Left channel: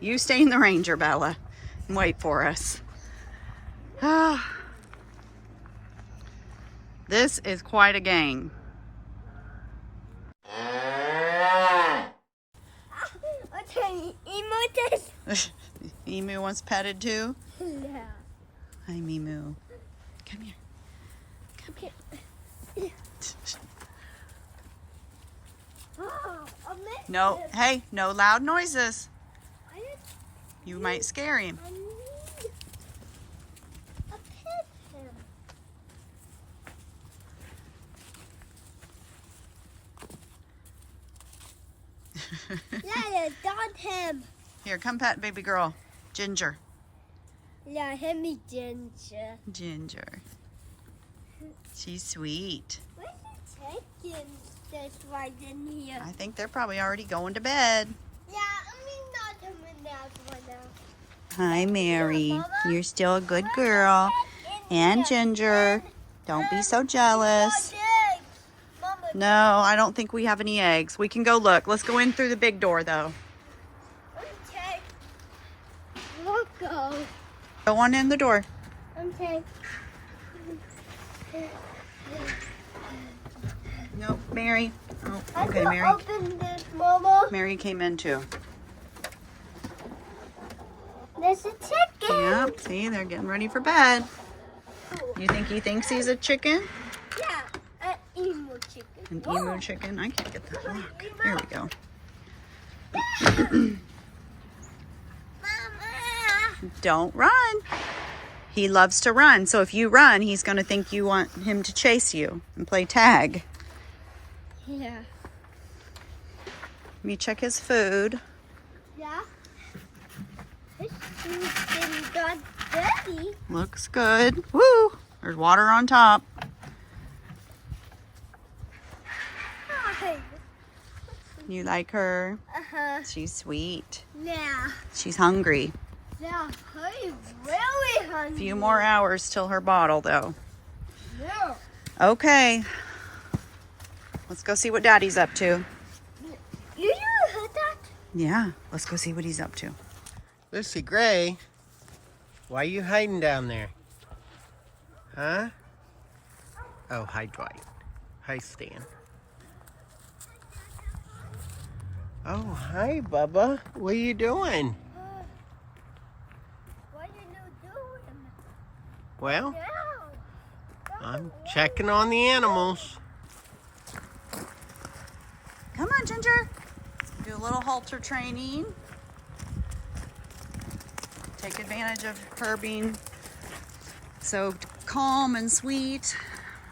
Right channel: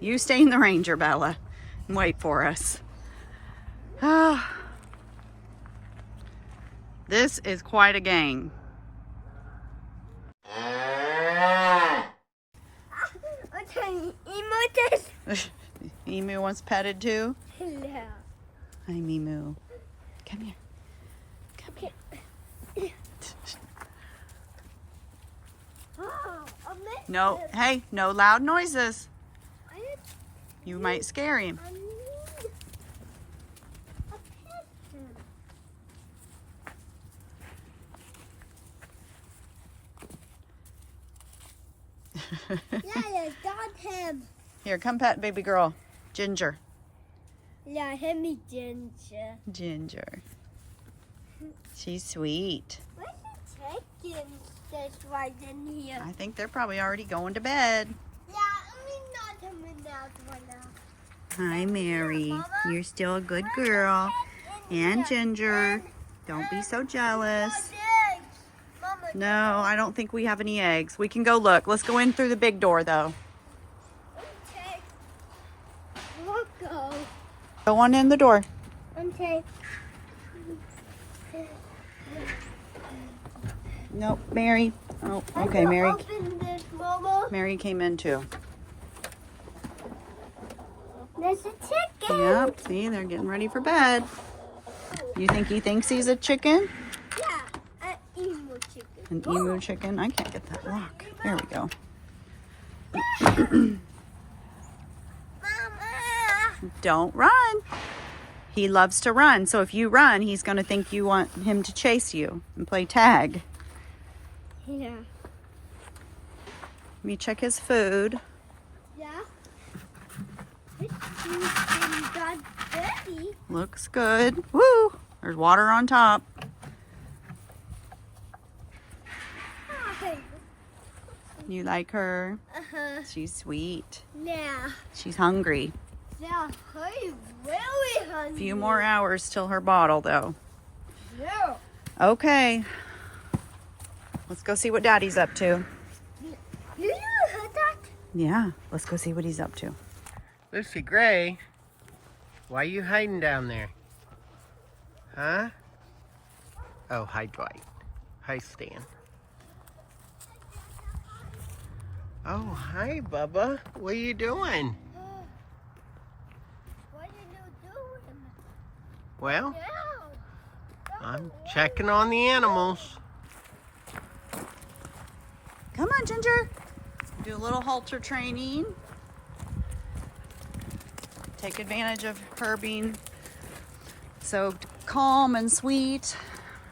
You stay in the Ranger, Bella, and wait for us. Ah, this is quite a gang. Emu wants petted too? Yeah. Hi, Mimu. Come here. Come here. No, hey, no loud noises. You might scare him. I need a pet him. Yeah, dot him. Here, come pet baby girl. Ginger. Yeah, him me Ginger. Ginger. She's sweet. Where's the chicken that's right in here? I think they're probably already going to bed. Yeah, I mean not coming out right now. Hi, Mary. You're still a good girl. And Ginger. Don't be so jealous. No, I don't think we have any eggs. We can go look. Let's go in through the big door, though. Okay. We'll go. Go on in the door. Okay. Nope, Mary. Oh, okay, Mary. Open this, Mama. Mary came in, too. There's a chicken. Yep, see, they're getting ready for bed. You think he thinks he's a chicken? Yeah, an emu chicken. An emu chicken? I can't get that lock. There we go. Mama. Don't run. He loves to run, so if you run, he's going to think you want him to chase you and play tag. Yeah. Let me check his food. Yeah. This chicken got dirty. Looks good. Woo! There's water on top. You like her? Uh-huh. She's sweet. Yeah. She's hungry. Yeah, he's really A hungry. few more hours till her bottle, though. Yeah. Okay. Let's go see what Daddy's up to. You heard that? Yeah, let's go see what he's up to. Lucy Gray, why are you hiding down there? Huh? Oh, hi, Dwight. Hi, Stan. Oh, hi, Bubba. What are you doing? What are you doing? Well, Yeah. I'm checking on the animals. Come on, Ginger. Do a little halter training. Take advantage of her being so calm and sweet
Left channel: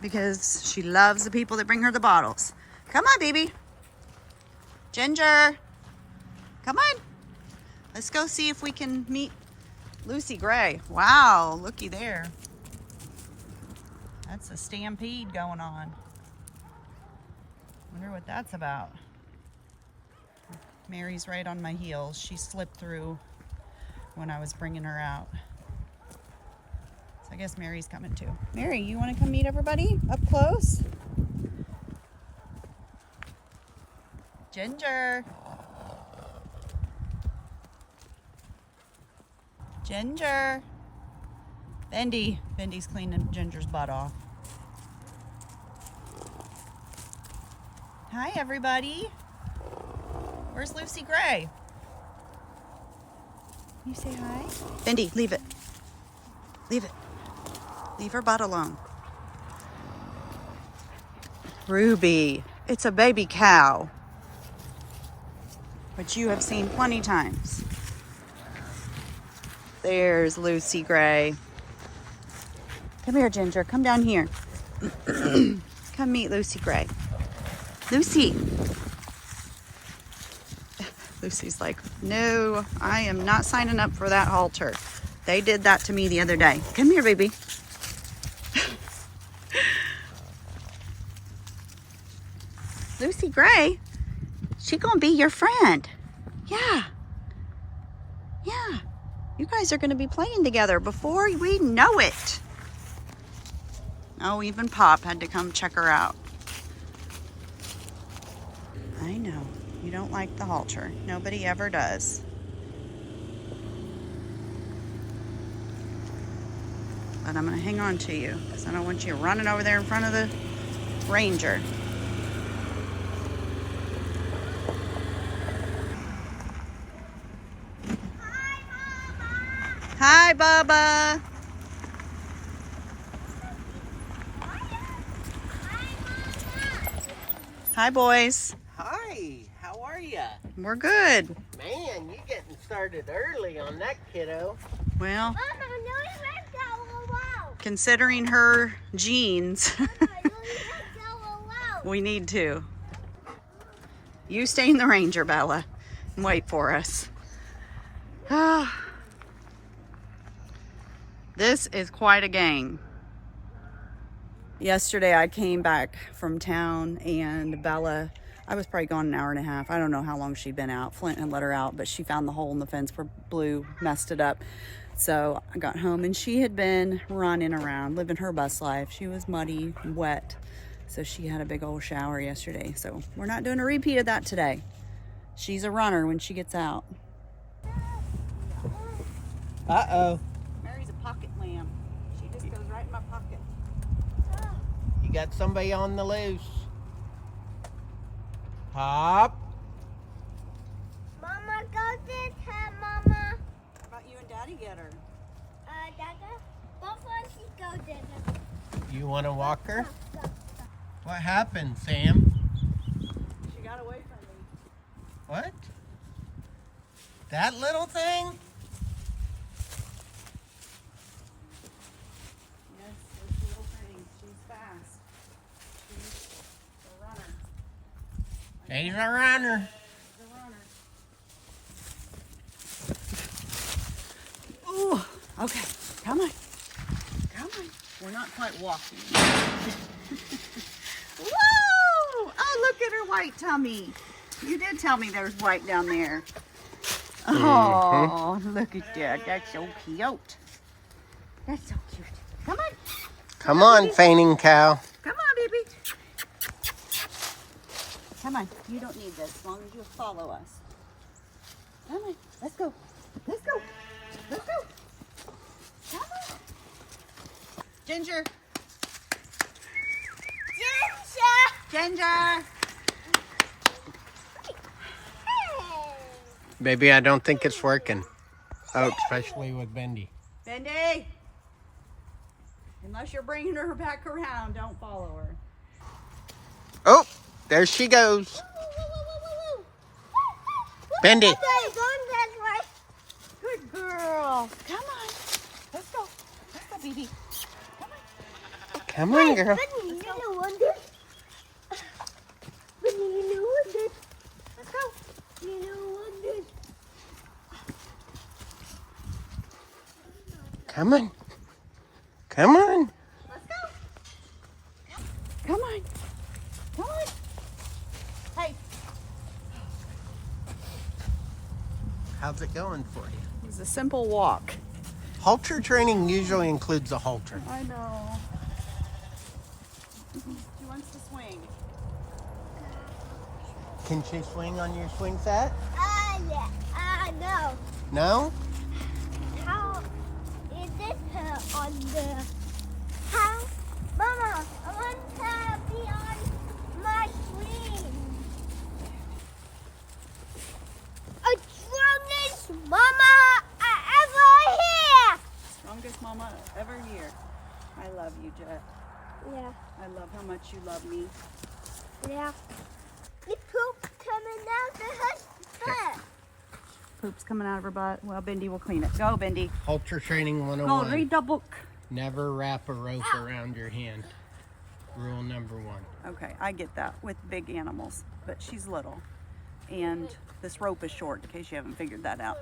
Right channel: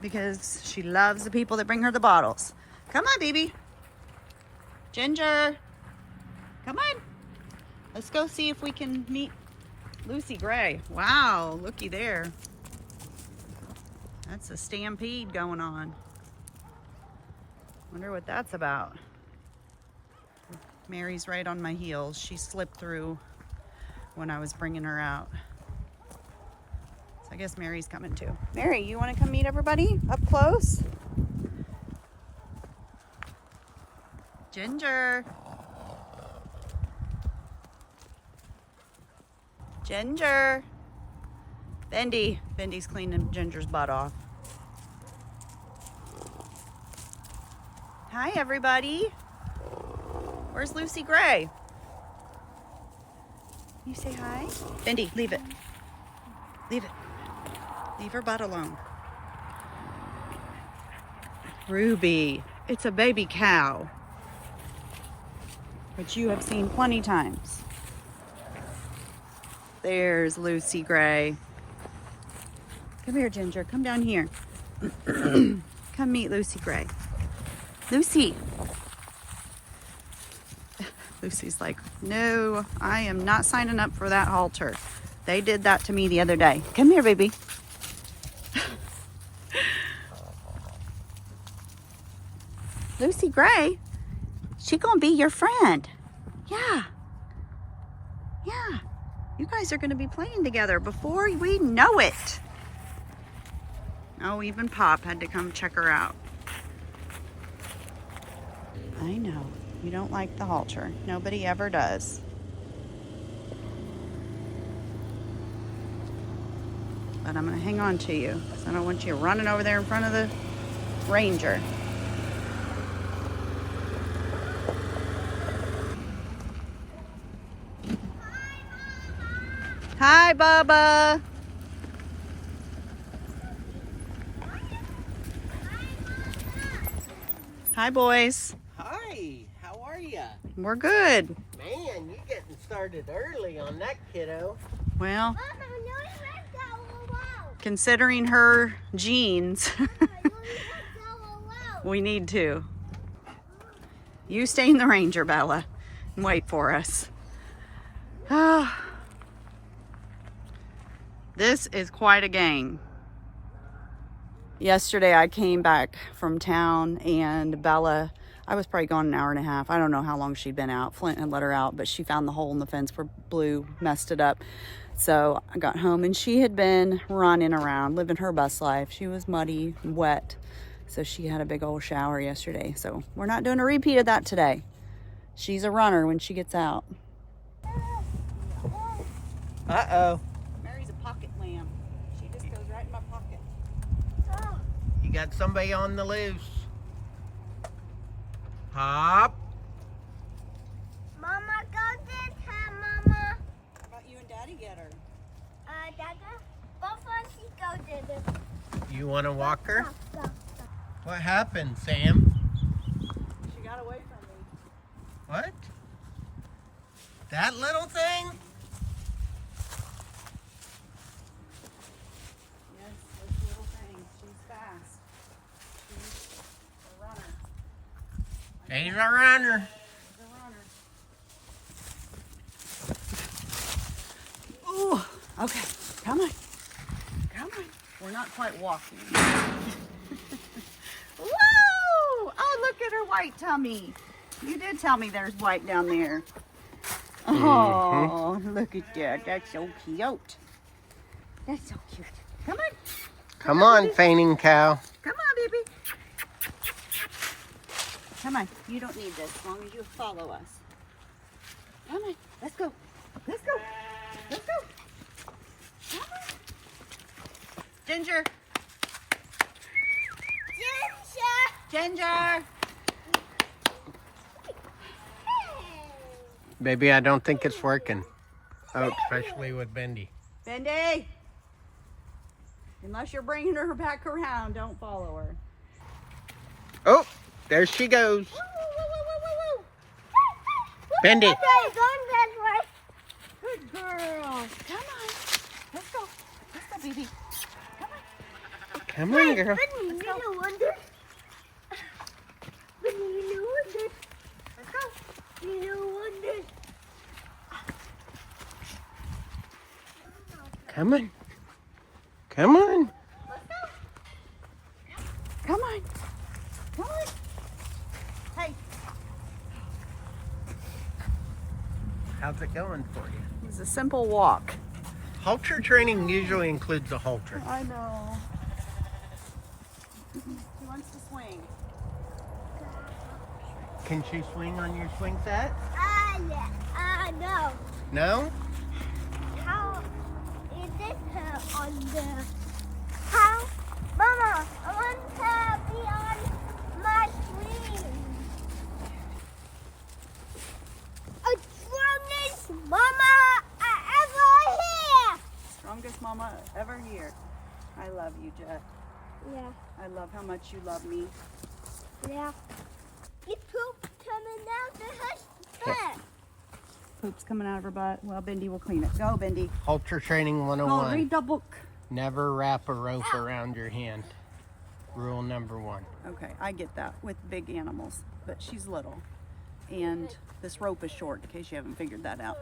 because she loves the people that bring her the bottles. Come on, baby. Ginger. Come on. Let's go see if we can meet Lucy Gray. Wow, looky there. That's a stampede going on. Wonder what that's about. Mary's right on my heels. She slipped through when I was bringing her out. So I guess Mary's coming too. Mary, you want to come meet everybody up close? Ginger. Ginger. Bendy. Bendy's cleaning Ginger's butt off. Hi, everybody. Where's Lucy Gray? You say hi? Bendy, leave it. Leave it. Leave her butt alone. Ruby. It's a baby cow, which you have seen plenty times. There's Lucy Gray. Come here, Ginger. Come down here. Come meet Lucy Gray. Lucy. Lucy's like, no, I am not signing up for that halter. They did that to me the other day. Come here, baby. Lucy Gray, she gonna be your friend. Yeah. Yeah. You guys are gonna be playing together before we know it. Oh, even Pop had to come check her out. I know. You don't like the halter. Nobody ever does. but I'm gonna hang on to you because I don't want you running over there in front of the ranger. Hi, Bubba. Hi, boys. Hi, how are ya? We're good. Man, you getting started early on that kiddo. Well, Mama, no, you left that alone. considering her genes, Mama, no, you left that alone. we need to. You stay in the Ranger, Bella, and wait for us. This is quite a gang. Yesterday I came back from town and Bella, I was probably gone an hour and a half. I don't know how long she'd been out. Flint had let her out, but she found the hole in the fence where Blue messed it up. So I got home and she had been running around, living her best life. She was muddy, wet. So she had a big old shower yesterday. So we're not doing a repeat of that today. She's a runner when she gets out. Uh-oh. Mary's a pocket lamb. She just goes right in my pocket. You got somebody on the loose. Hop. Mama, go get her, Mama. How about you and Daddy get her? Dada, before she go get her. You want to walk her? Go. What happened, Sam? She got away from me. What? That little thing? Yes, this little thing. She's fast. She's a runner. She's a runner. She's a runner. Ooh, okay. Come on. Come on. We're not quite walking. Whoa! Oh, look at her white tummy. You did tell me there's white down there. Oh, look at that. That's so cute. That's so cute. Come on. Come on, fainting cow. Come on, baby. Come on. You don't need this as long as you follow us. Come on. Let's go. Let's go. Let's go. Come on. Ginger. Ginger. Baby, I don't think it's working. Oh, especially with Bendy. Bendy. Unless you're bringing her back around, don't follow her. Oh, there she goes. Bendy. Good girl. Come on. Let's go. Let's go, baby. Come on. Come on, girl. Let's go. Come on. Come on. Let's go. Come on. Come on. Hey. How's it going for you? It was a simple walk. Halter training usually includes a halter. I know. She wants to swing. Can she swing on your swing set? Yeah. No. No? How is this her on there? How? Mama, I want to be on my screen. A strongest mama ever here. Strongest mama ever here. I love you, Jet. Yeah. I love how much you love me. Yeah. It's poop coming out of her butt. Poop's coming out of her butt. Well, Bendy will clean it. Go, Bendy. Halter training Go, 101. read the book. Never wrap a rope around your hand. Rule number 1. Okay, I get that with big animals, but she's little. And this rope is short, in case you haven't figured that out.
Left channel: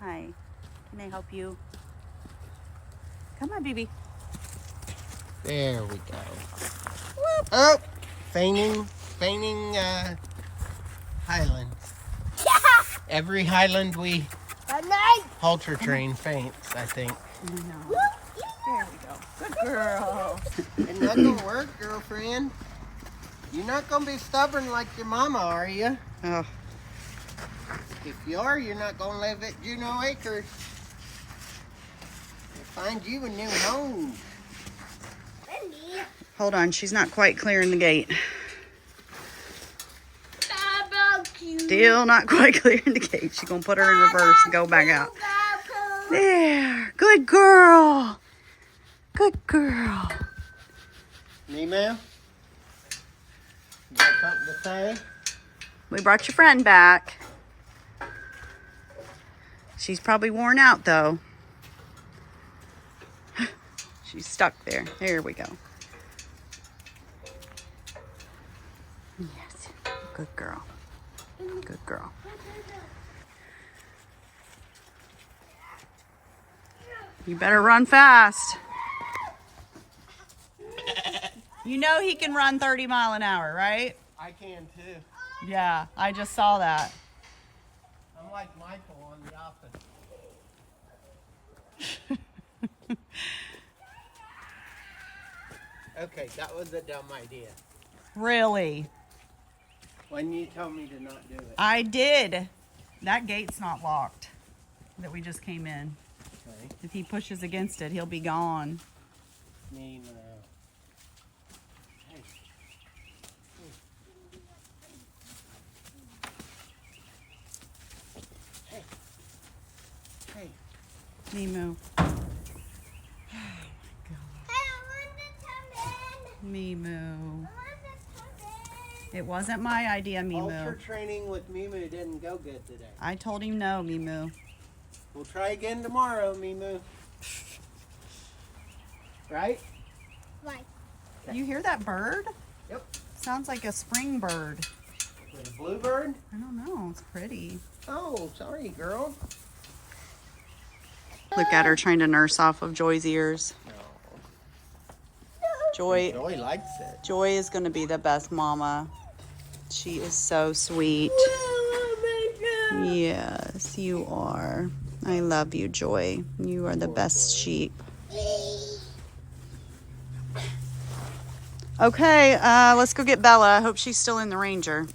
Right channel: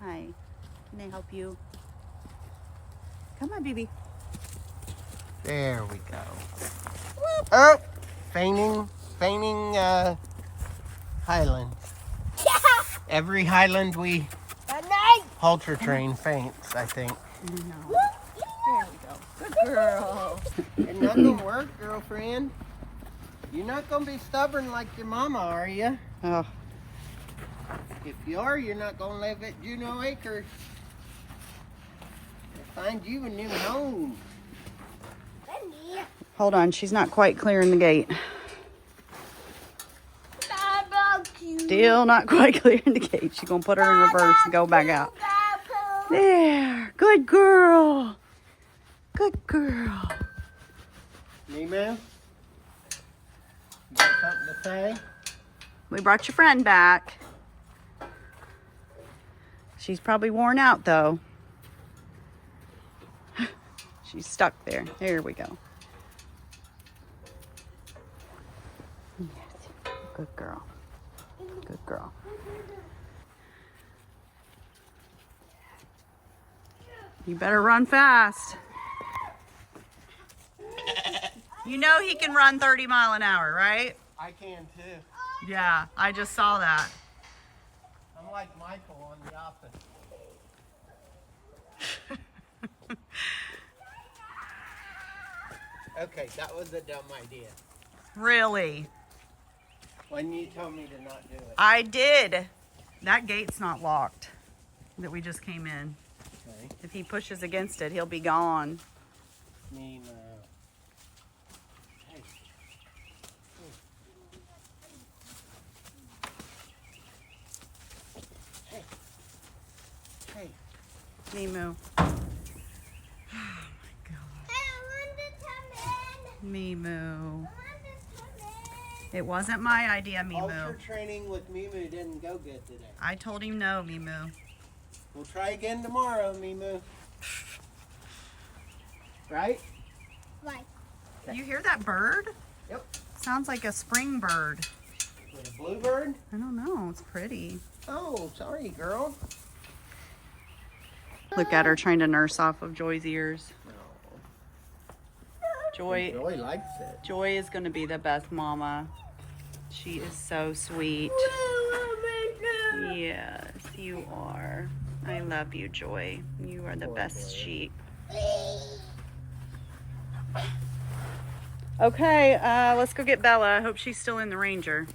Hi, can I help you? Come on, baby. There we go. Whoop. Oh, feigning highlands. Every highland we halter train faints, I think. No. There we go. Good girl. It's not gonna work, girlfriend. You're not gonna be stubborn like your mama, are you? Oh, If you are, you're not gonna live at Junod Acres. find you a new home. Hold on, she's not quite clearing the gate. Still not quite clearing the gate. She's gonna put her in reverse and go back out. There, good girl. Good girl. Nemo, you got something to say? We brought your friend back. She's probably worn out though. She's stuck there. There we go. Yes, good girl. Good girl. You better run fast. You know he can run 30 miles an hour, right? I can too. Yeah, I just saw that. I'm like Michael on The Office. Okay, that was a dumb idea. Really? When you told me to not do it. I did. That gate's not locked that we just came in. Okay. If he pushes against it, he'll be gone. Nemo. Hey. Hey. Hey. Mimu. Mimu. It wasn't my idea, Halter Mimu. training with Mimu didn't go good today. I told him no, Mimu. We'll try again tomorrow, Mimu. Right? Right. You hear that bird? Yep. Sounds like a spring bird. With a bluebird? I don't know. It's pretty. Oh, sorry, girl. Look at her trying to nurse off of Joy's ears. Joy likes it. Joy is going to be the best mama. She is so sweet. Yes, you are. I love you, Joy. You are the best sheep. Okay, let's go get Bella. I hope she's still in the Ranger.